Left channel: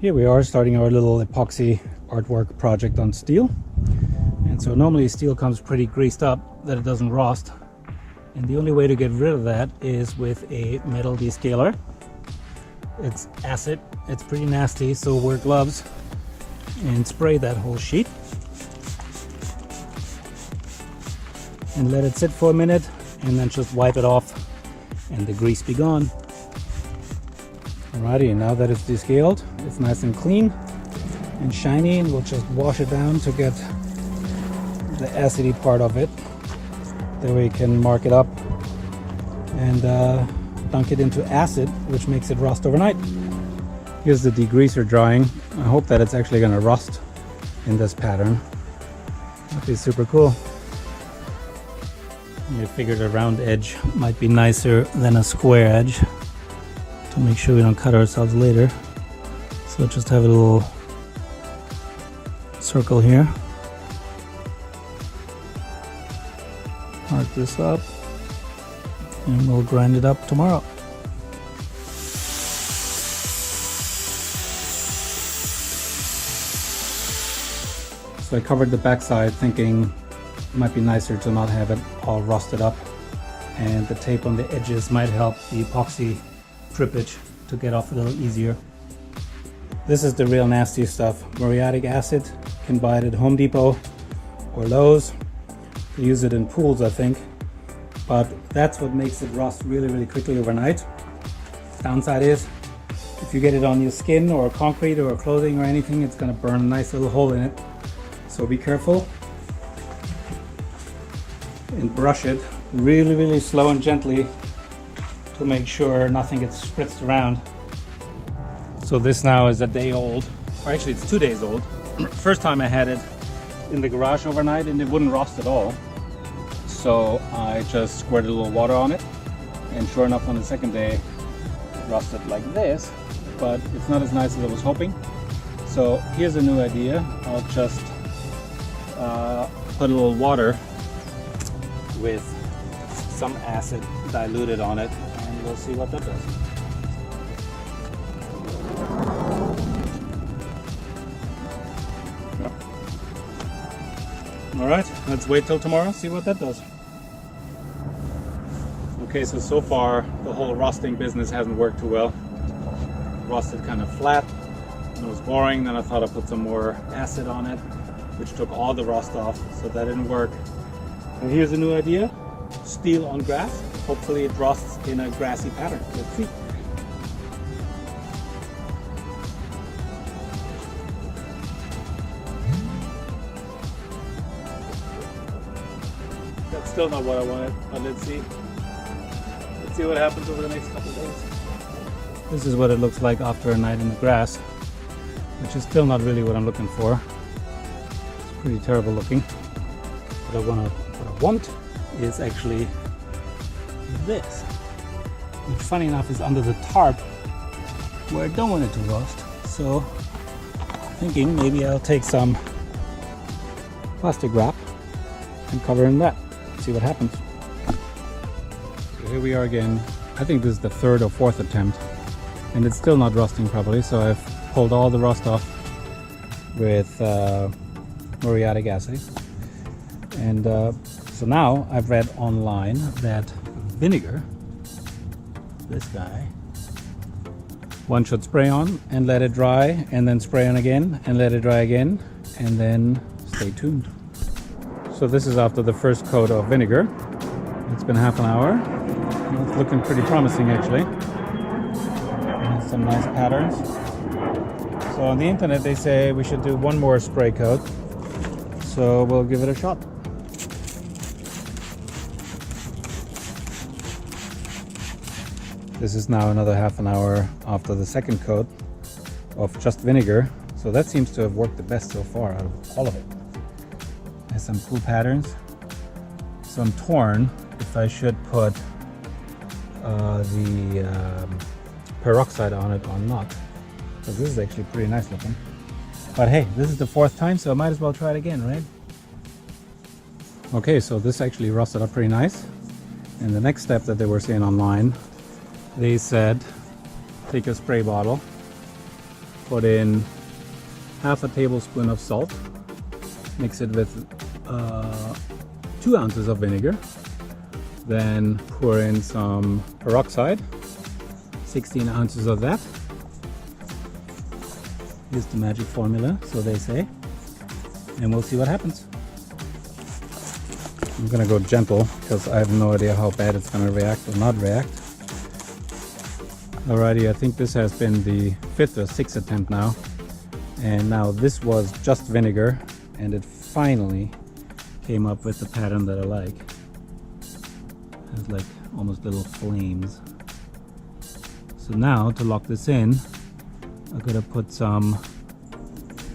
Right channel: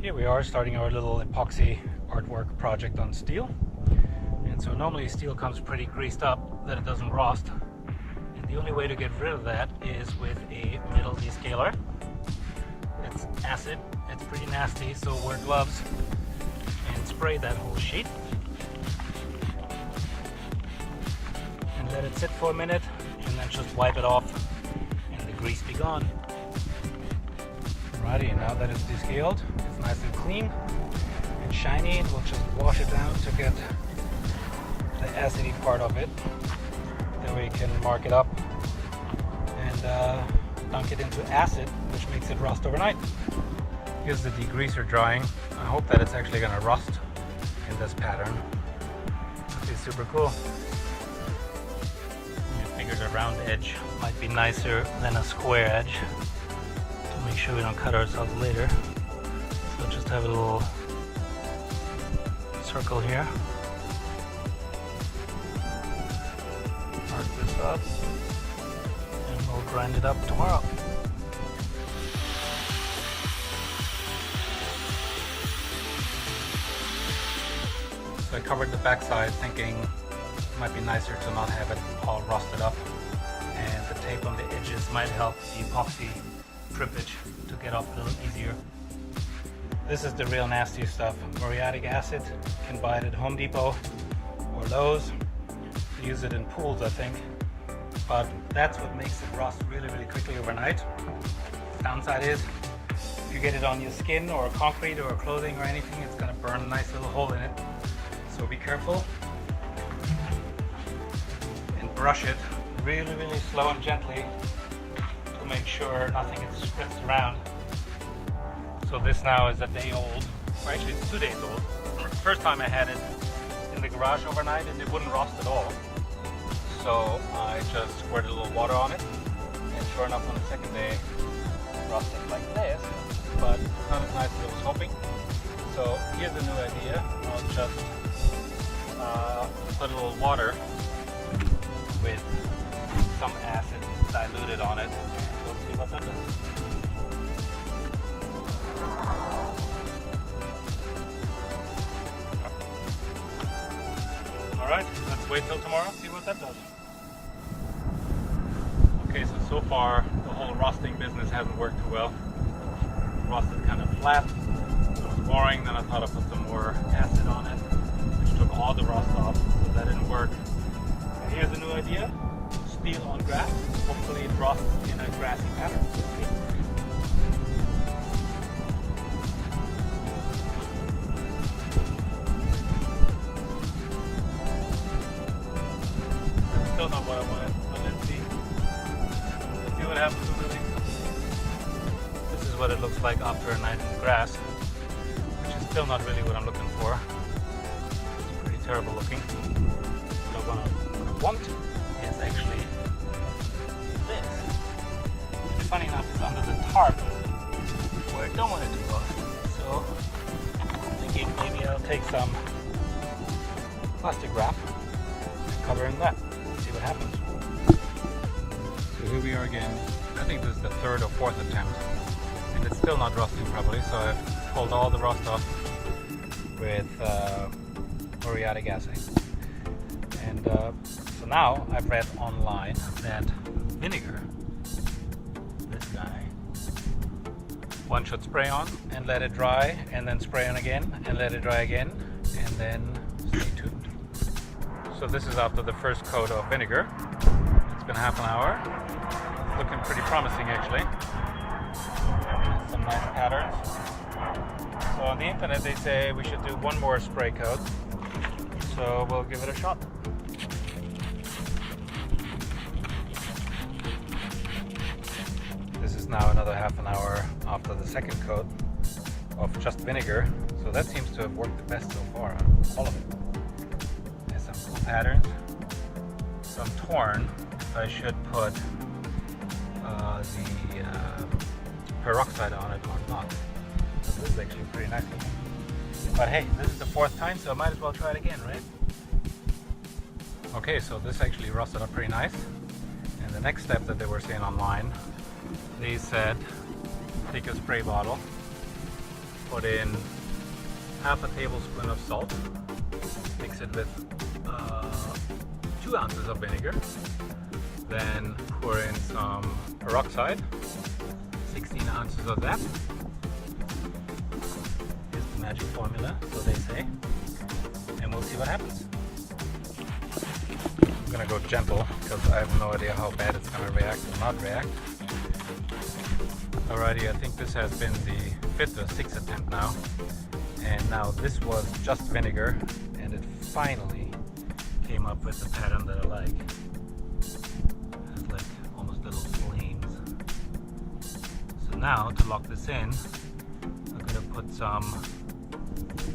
Here we are starting our little epoxy artwork project on steel. And so normally steel comes pretty greased up that it doesn't rust. And the only way to get rid of that is with a metal descaler. It's acid, it's pretty nasty, so wear gloves and spray that whole sheet. And let it sit for a minute and then just wipe it off and the grease be gone. Alrighty, now that it's descaled, it's nice and clean and shiny, and we'll just wash it down to get the acidy part of it. That way you can mark it up and dunk it into acid, which makes it rust overnight. Here's the degreaser drying. I hope that it's actually going to rust in this pattern. That'd be super cool. I figured a round edge might be nicer than a square edge to make sure we don't cut ourselves later. So just have a little circle here. Mark this up and we'll grind it up tomorrow. So I covered the backside thinking it might be nicer to not have it all rusted up, and the tape on the edges might help the epoxy drippage to get off a little easier. This is the real nasty stuff. Muriatic acid, you can buy it at Home Depot or Lowe's. You use it in pools, I think, but that's what makes it rust really quickly overnight. Downside is if you get it on your skin or concrete or clothing or anything, it's going to burn a nice little hole in it, so be careful. And brush it really slow and gently to make sure nothing gets spritzed around. So this now is a day old, or actually it's 2 days old. First time I had it in the garage overnight and it wouldn't rust at all. So I just squirted a little water on it, and sure enough on the second day it rusted like this, but it's not as nice as I was hoping. So here's a new idea. I'll just put a little water with some acid diluted on it, and we'll see what that does. Alright, let's wait till tomorrow, see what that does. Okay, so far the whole rusting business hasn't worked too well. Rusted kind of flat, it was boring, then I thought I'd put some more acid on it, which took all the rust off, so that didn't work. And here's a new idea. Steel on grass. Hopefully it rusts in a grassy pattern. Let's see. That's still not what I wanted, but let's see. Let's see what happens over the next couple of days. This is what it looks like after a night in the grass, which is still not really what I'm looking for. It's pretty terrible looking. What I want is actually this, which funny enough is under the tarp where I don't want it to rust. So thinking maybe I'll take some plastic wrap and cover in that, see what happens. So here we are again. I think this is the third or fourth attempt and it's still not rusting properly, so I've pulled all the rust off with muriatic acid. And so now I've read online that vinegar, this guy, one should spray on and let it dry, and then spray on again and let it dry again, and then stay tuned. So this is after the first coat of vinegar. It's been half an hour. It's looking pretty promising actually. And some nice patterns. So on the internet they say we should do one more spray coat. So we'll give it a shot. This is now another half an hour after the second coat of just vinegar. So that seems to have worked the best so far out of all of it. There's some cool patterns. So I'm torn if I should put the peroxide on it or not. Because this is actually pretty nice looking. But hey, this is the fourth time, so I might as well try it again, right? Okay, so this actually rusted up pretty nice. And the next step that they were saying online, they said take a spray bottle put in half a tablespoon of salt, mix it with 2 ounces of vinegar, then pour in some peroxide, 16 ounces of that. Here's the magic formula, so they say, and we'll see what happens. I'm gonna go gentle because I have no idea how bad it's gonna react or not react. Alrighty, I think this has been the 5th or 6th attempt now, and now this was just vinegar, and it finally came up with the pattern that I like. It has like almost little flames. So now to lock this in, I'm gonna put some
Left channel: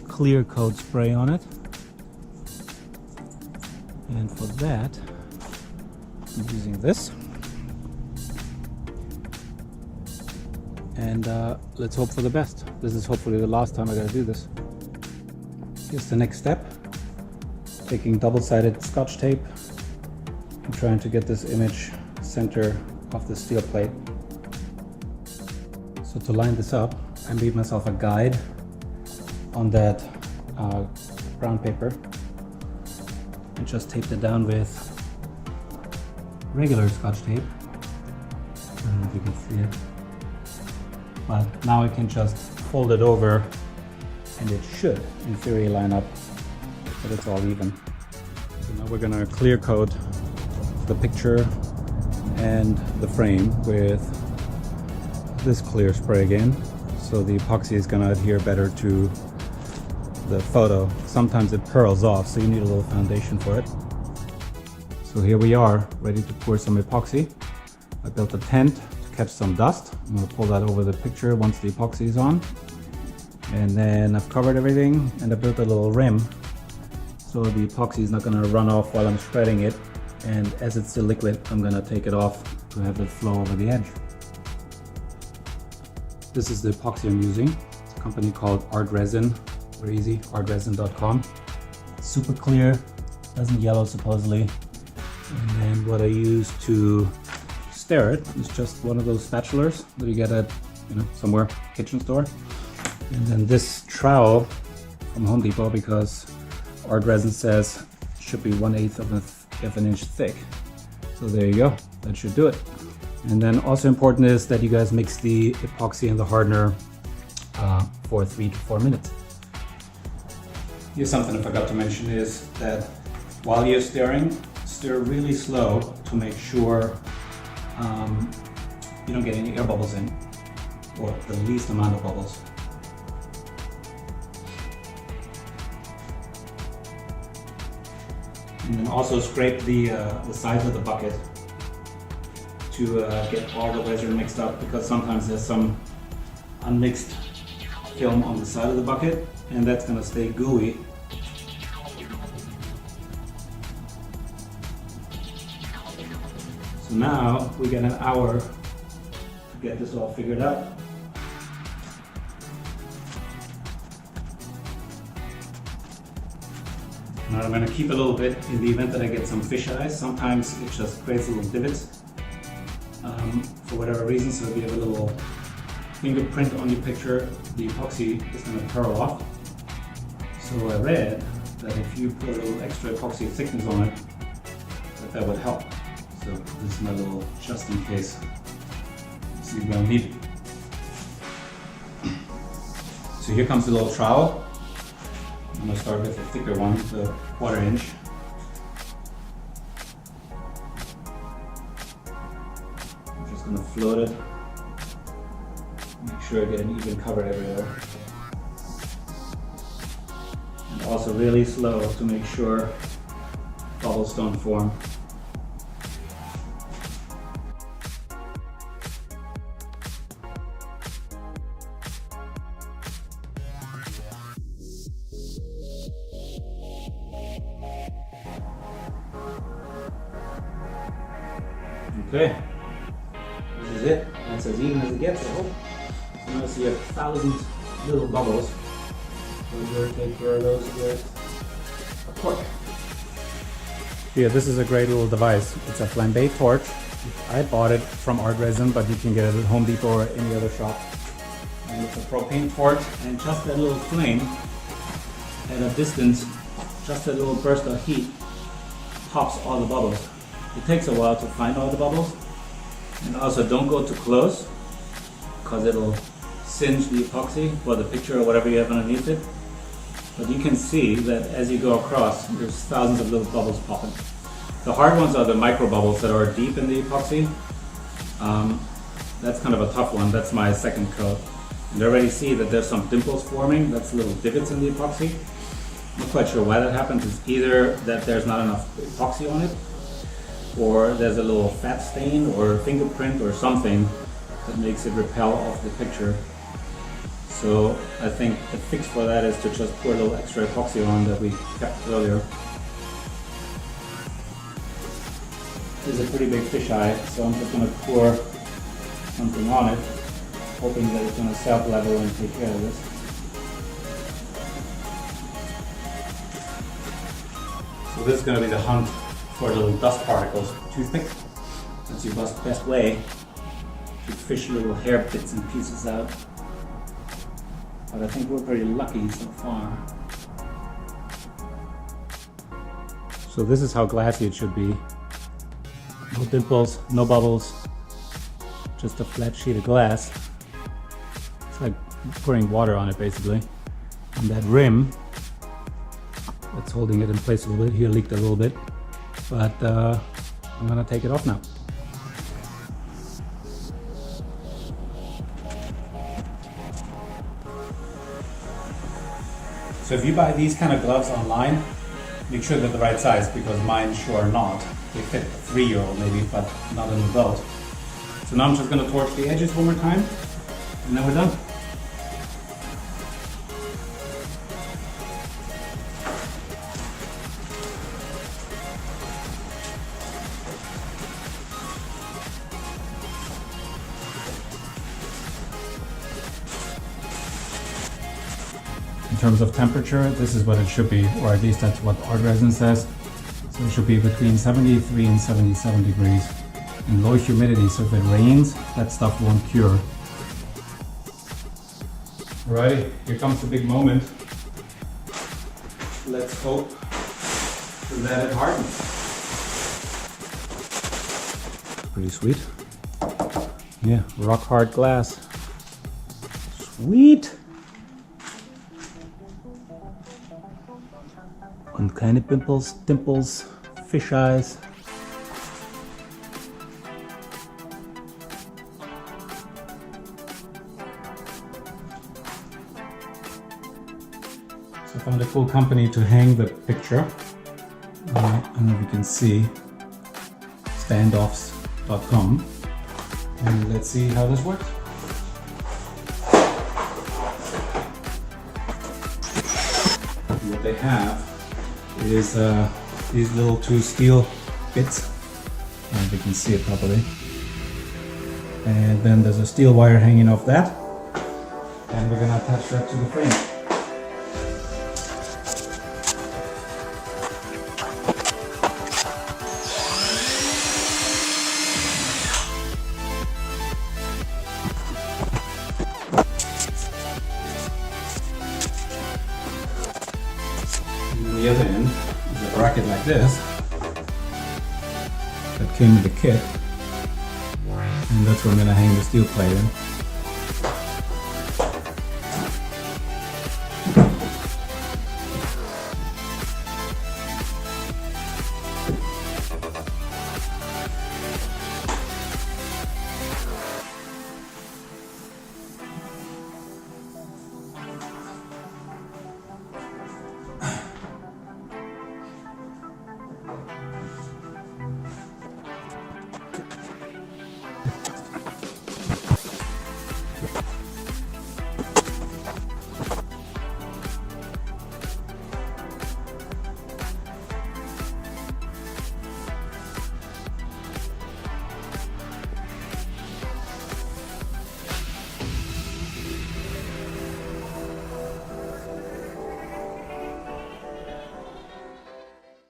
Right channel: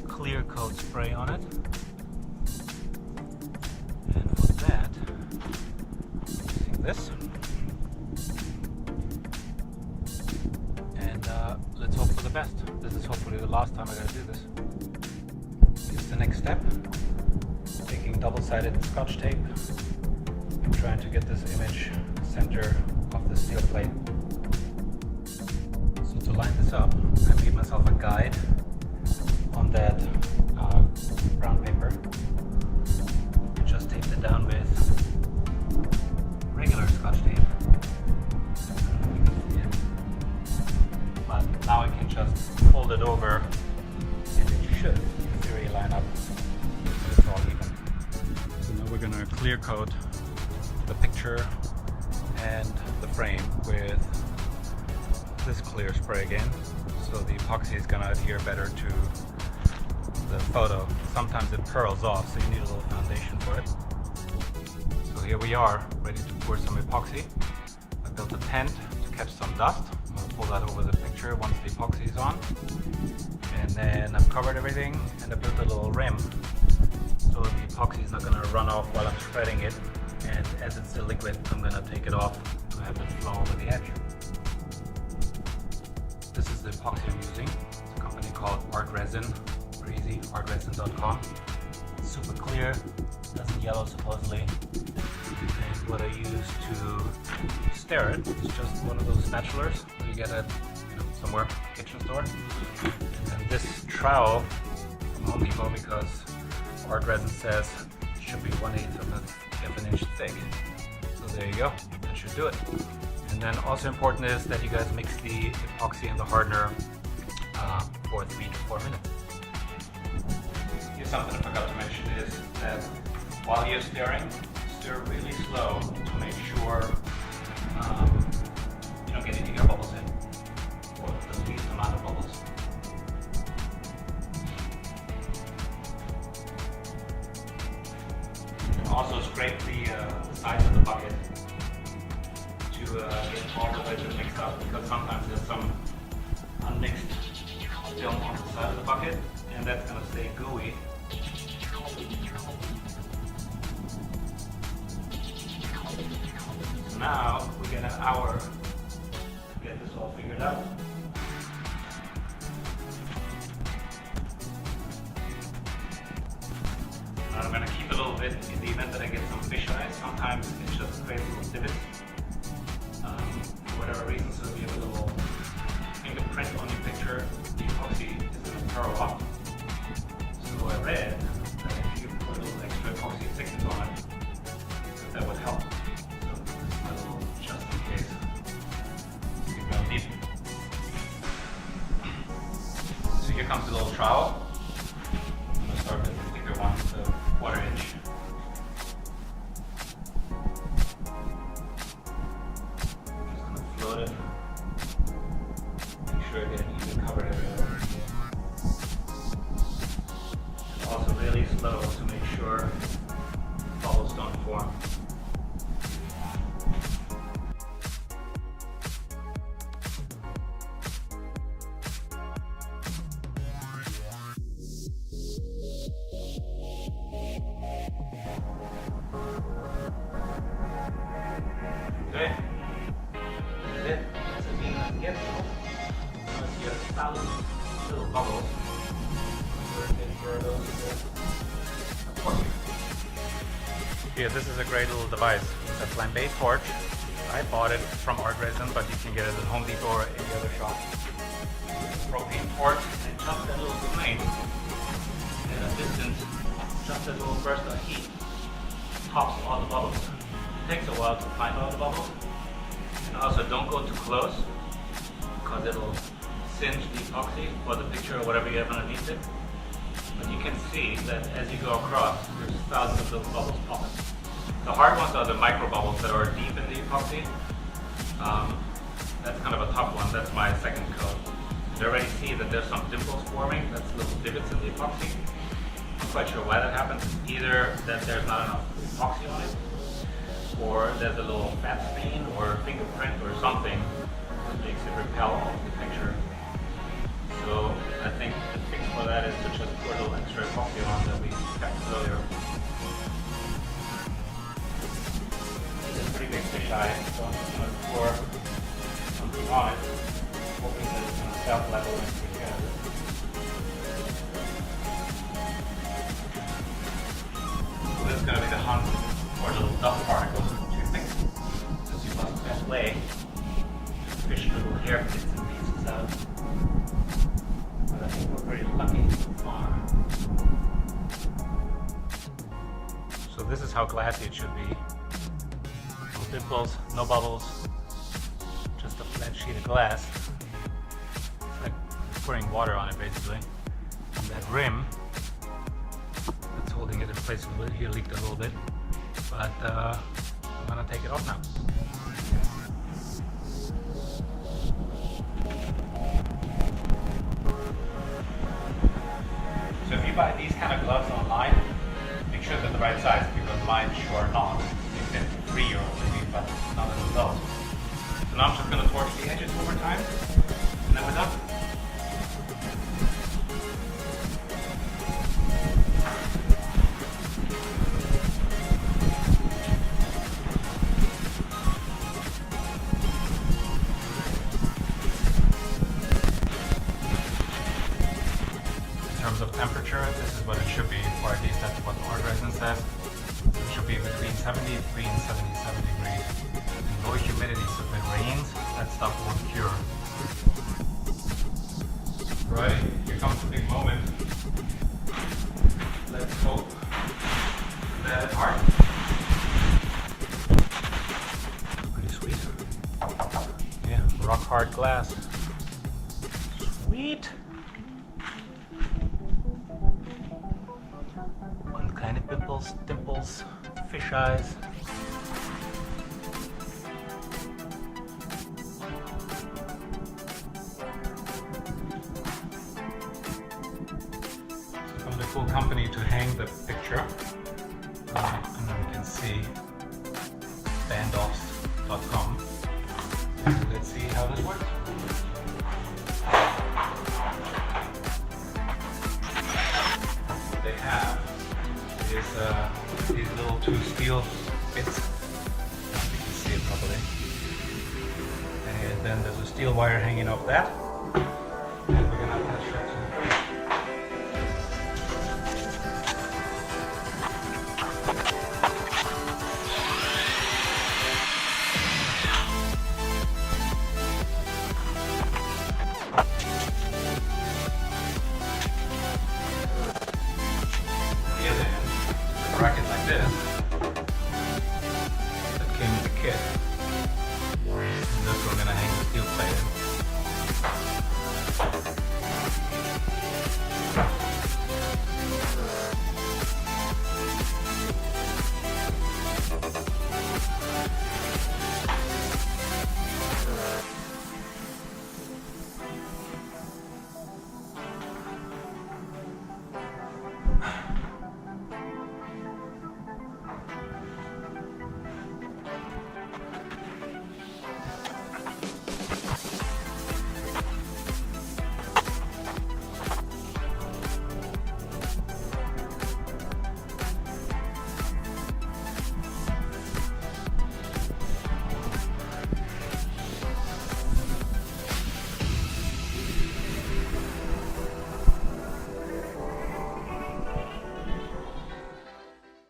clear coat spray on it, and for that I'm using this. And let's hope for the best. This is hopefully the last time I gotta do this. Here's the next step. Taking double-sided Scotch tape. I'm trying to get this image center of the steel plate. So to line this up, I made myself a guide on that brown paper. I just taped it down with regular Scotch tape. I don't know if you can see it. But now I can just fold it over and it should, in theory, line up, but it's all even. So now we're gonna clear coat the picture and the frame with this clear spray again. So the epoxy is gonna adhere better to the photo. Sometimes it pearls off, so you need a little foundation for it. So here we are, ready to pour some epoxy. I built a tent to catch some dust. I'm gonna pull that over the picture once the epoxy is on. And then I've covered everything, and I built a little rim so the epoxy is not gonna run off while I'm spreading it. And as it's still liquid, I'm gonna take it off to have it flow over the edge. This is the epoxy I'm using. It's a company called Art Resin, very easy, artresin.com. Super clear, doesn't yellow supposedly. And what I use to stir it is just one of those spatulas that you get at somewhere, kitchen store. And then this trowel from Home Depot, because Art Resin says it should be 1/8 of an inch thick. So there you go, that should do it. And then also important is that you guys mix the epoxy and the hardener for 3 to 4 minutes. Here's something I forgot to mention is that while you're stirring, stir really slow to make sure you don't get any air bubbles in, or the least amount of bubbles. And then also scrape the sides of the bucket to get all the resin mixed up, because sometimes there's some unmixed film on the side of the bucket, and that's going to stay gooey. So now we get an hour to get this all figured out. Now I'm going to keep a little bit in the event that I get some fish eyes. Sometimes it just creates little divots for whatever reason, so if you have a little fingerprint on your picture, the epoxy is going to pearl off. So I read that if you put a little extra epoxy thickness on it, that would help. So this is my little just in case. So you're going to need it. So here comes the little trowel. I'm going to start with a thicker one, the 1/4 inch. I'm just going to float it. Make sure I get an even cover everywhere. And also really slow to make sure bubbles don't form. Okay, this is it. That's as even as it gets. I hope. I'm going to see 1,000 little bubbles. Yeah, this is a great little device. It's a flambe torch. I bought it from Art Resin, but you can get it at Home Depot or any other shop. And it's a propane torch, and just that little flame at a distance, just that little burst of heat pops all the bubbles. It takes a while to find all the bubbles, and also don't go too close because it'll singe the epoxy or the picture or whatever you have underneath it. But you can see that as you go across, there's thousands of little bubbles popping. The hard ones are the micro bubbles that are deep in the epoxy. That's kind of a tough one. That's my second coat. You already see that there's some dimples forming. That's little divots in the epoxy. I'm not quite sure why that happens. It's either that there's not enough epoxy on it, or there's a little fat stain or fingerprint or something that makes it repel off the picture. So I think the fix for that is to just pour a little extra epoxy on that we kept earlier. This is a pretty big fisheye, so I'm just going to pour something on it, hoping that it's going to self-level and take care of this. So this is going to be the hunt for little dust particles. Toothpick, that's your best way to fish little hair bits and pieces out. But I think we're pretty lucky so far. So this is how glassy it should be. No dimples, no bubbles, just a flat sheet of glass. It's like pouring water on it basically. And that rim that's holding it in place a little bit, here leaked a little bit, but I'm gonna take it off now. So if you buy these kind of gloves online, make sure they're the right size, because mine sure are not. They fit 3 or maybe, but not an adult. So now I'm just going to torch the edges one more time, and then we're done. In terms of temperature, this is what it should be, or at least that's what hard resin says. So it should be between 73 and 77 degrees. And low humidity, so if it rains, that stuff won't cure. Alrighty, here comes the big moment. Let's hope that it hardens. Pretty sweet. Yeah, rock hard glass. Sweet! And kleine pimples, dimples, fish eyes. So from the full company to hang the picture, I don't know if you can see, standoffs.com, and let's see how this works. What they have is these little 2 steel bits, I don't know if you can see it properly, and then there's a steel wire hanging off that, and we're going to attach that to the frame. The other end is a bracket like this that came with the kit, and that's where I'm going to hang the steel plate in.